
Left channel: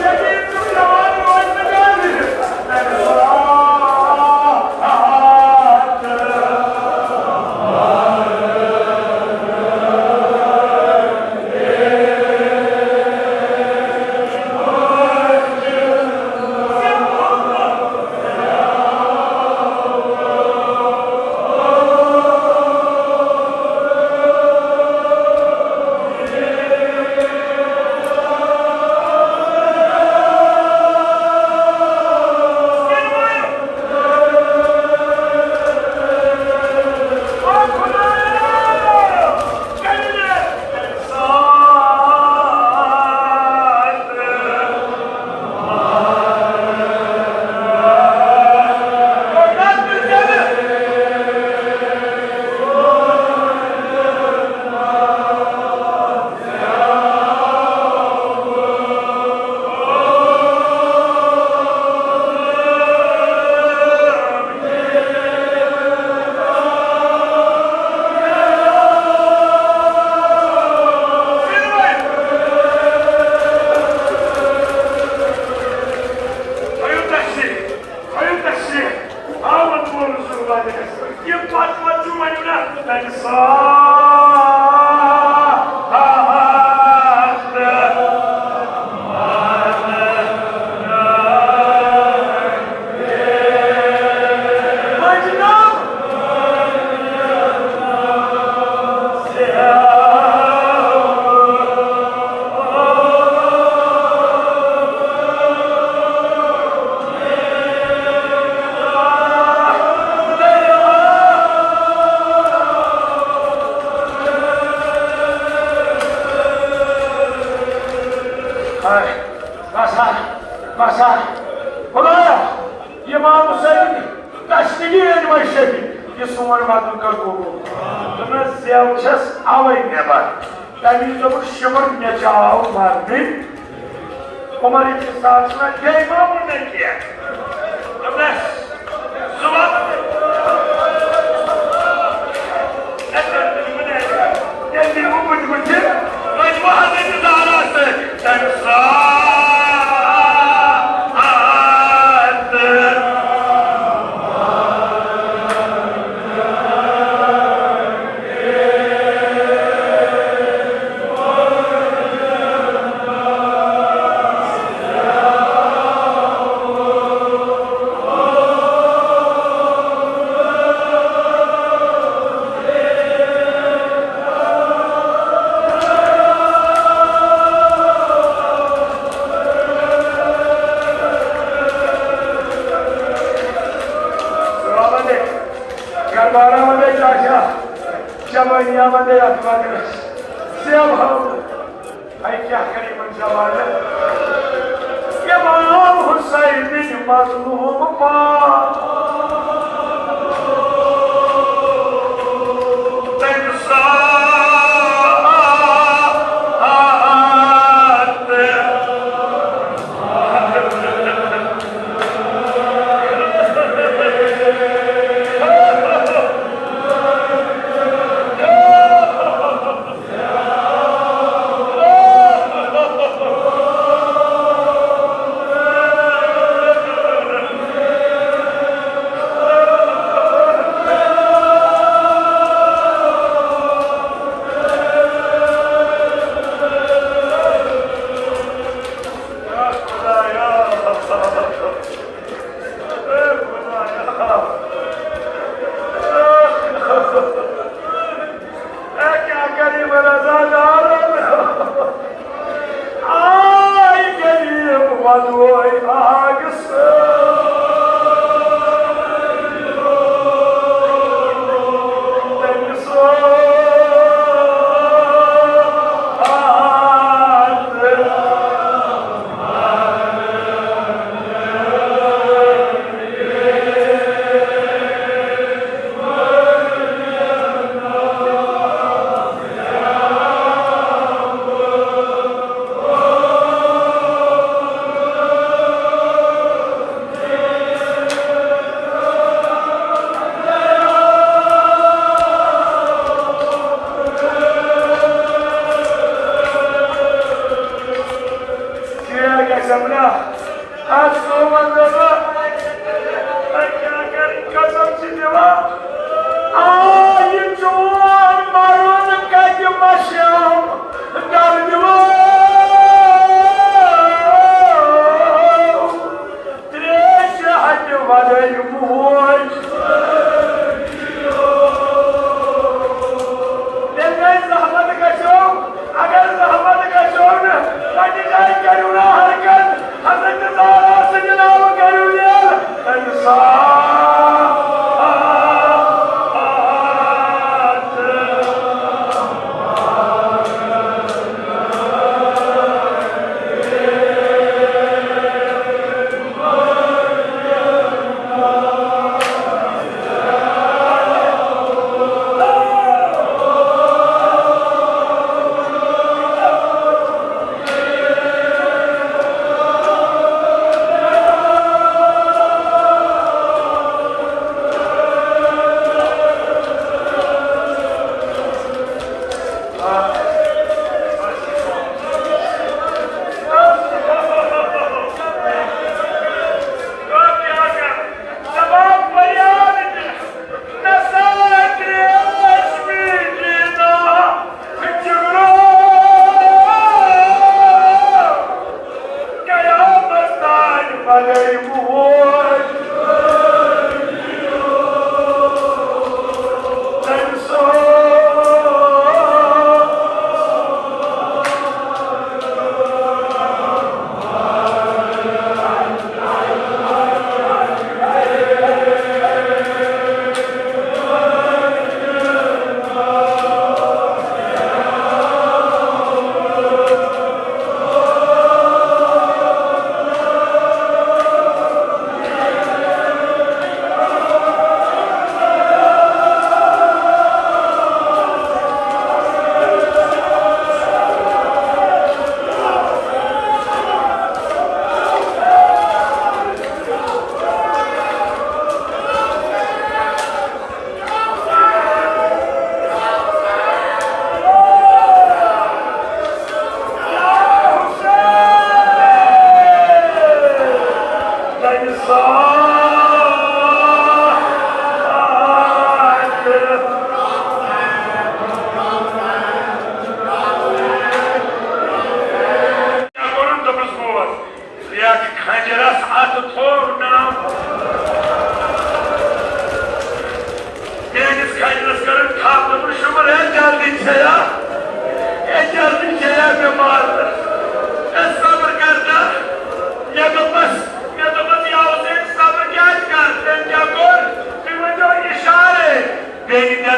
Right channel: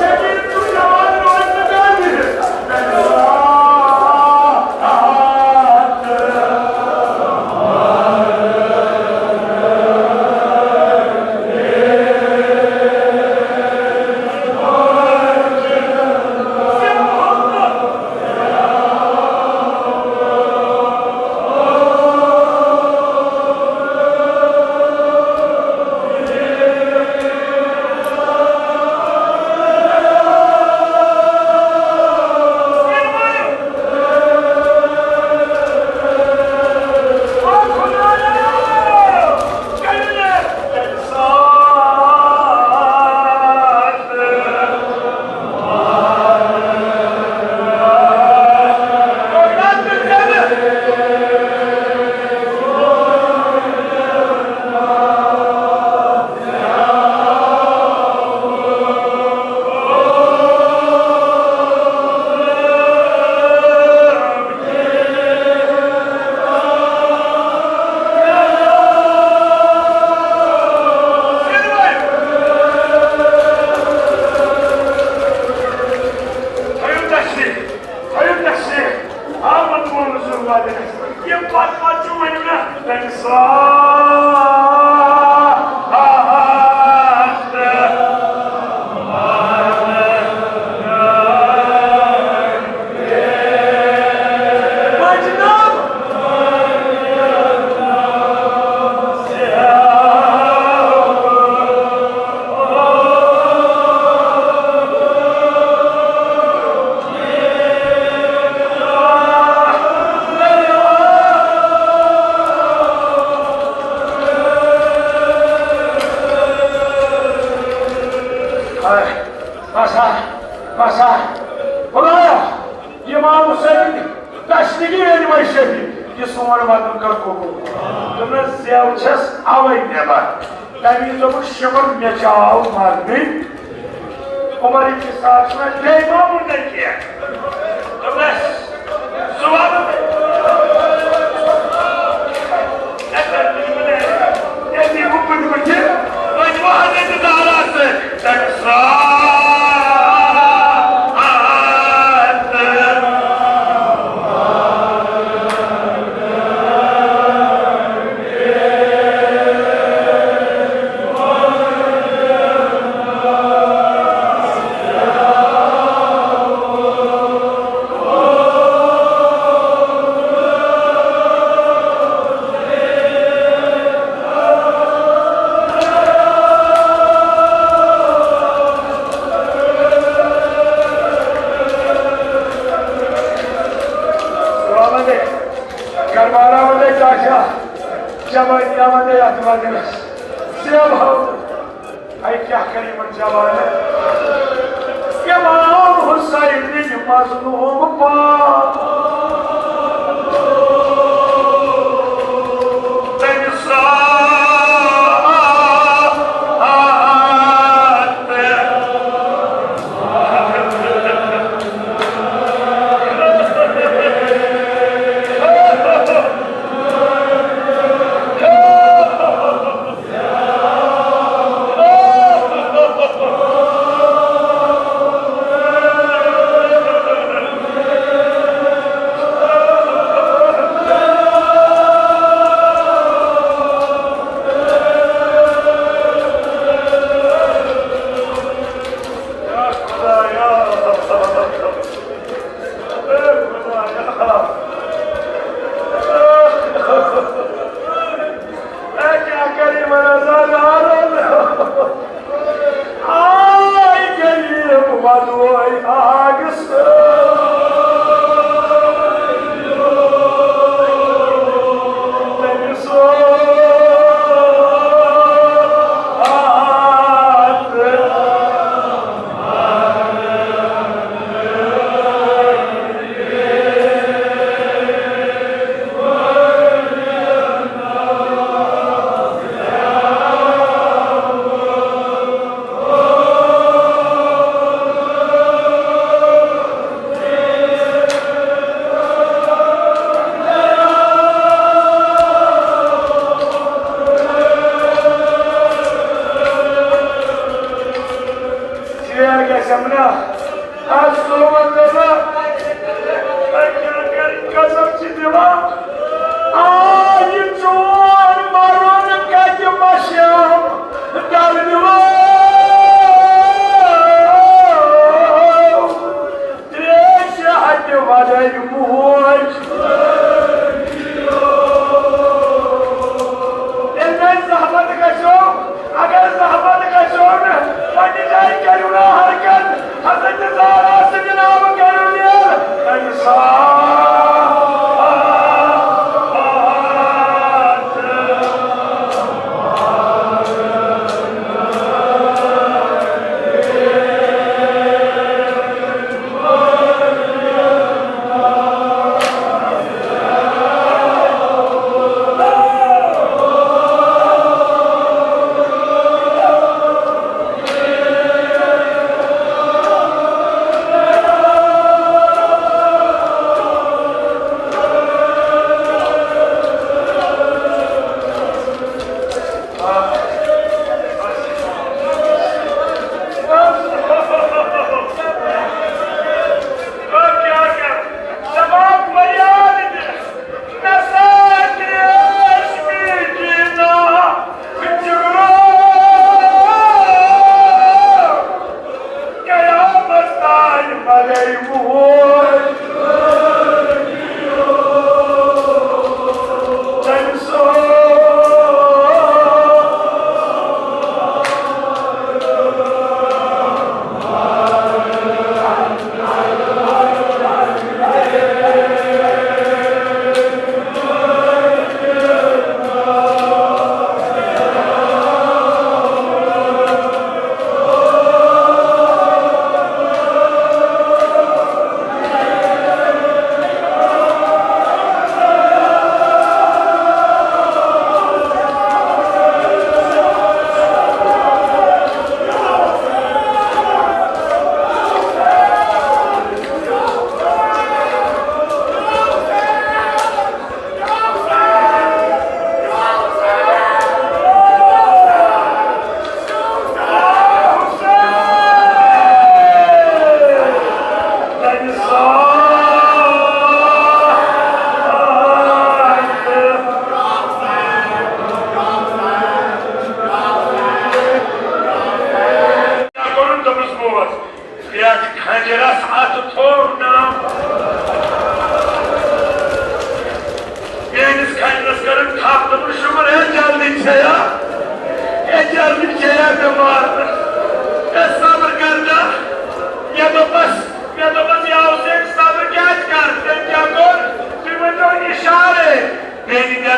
जकीर तू जवान नवाज लगा भी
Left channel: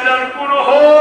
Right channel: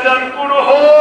neden kurhu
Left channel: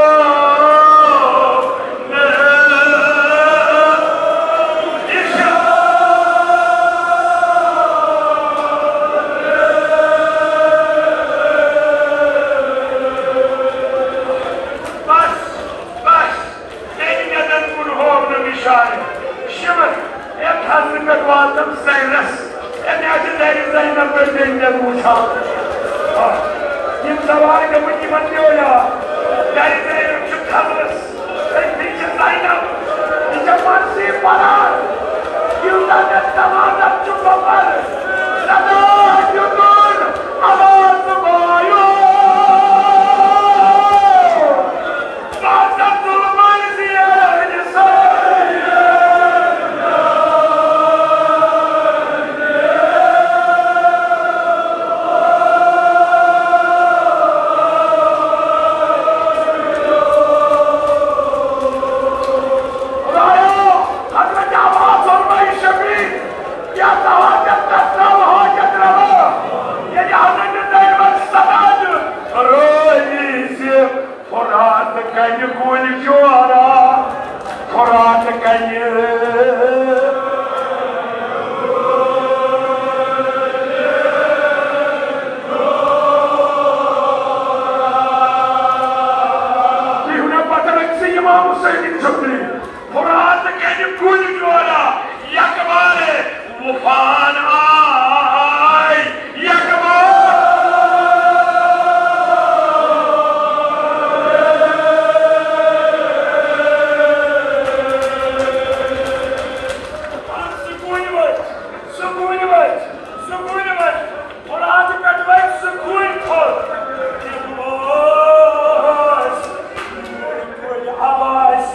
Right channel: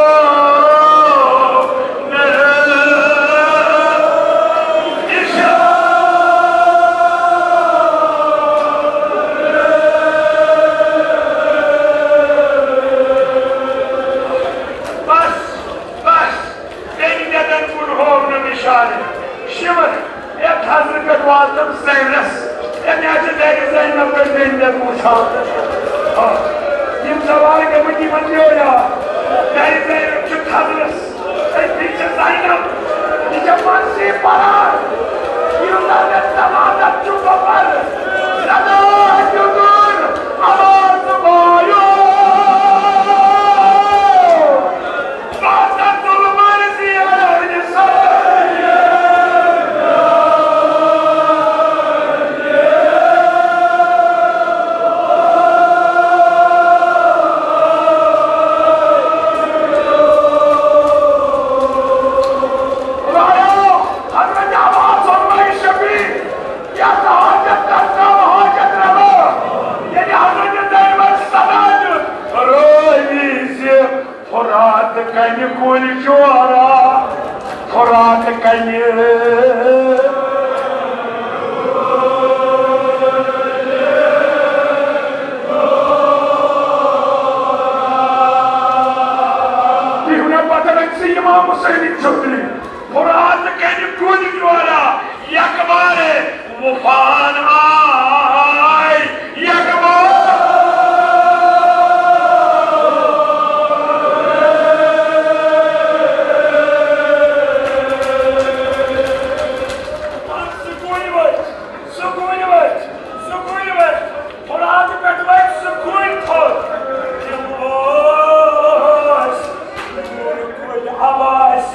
Abbas,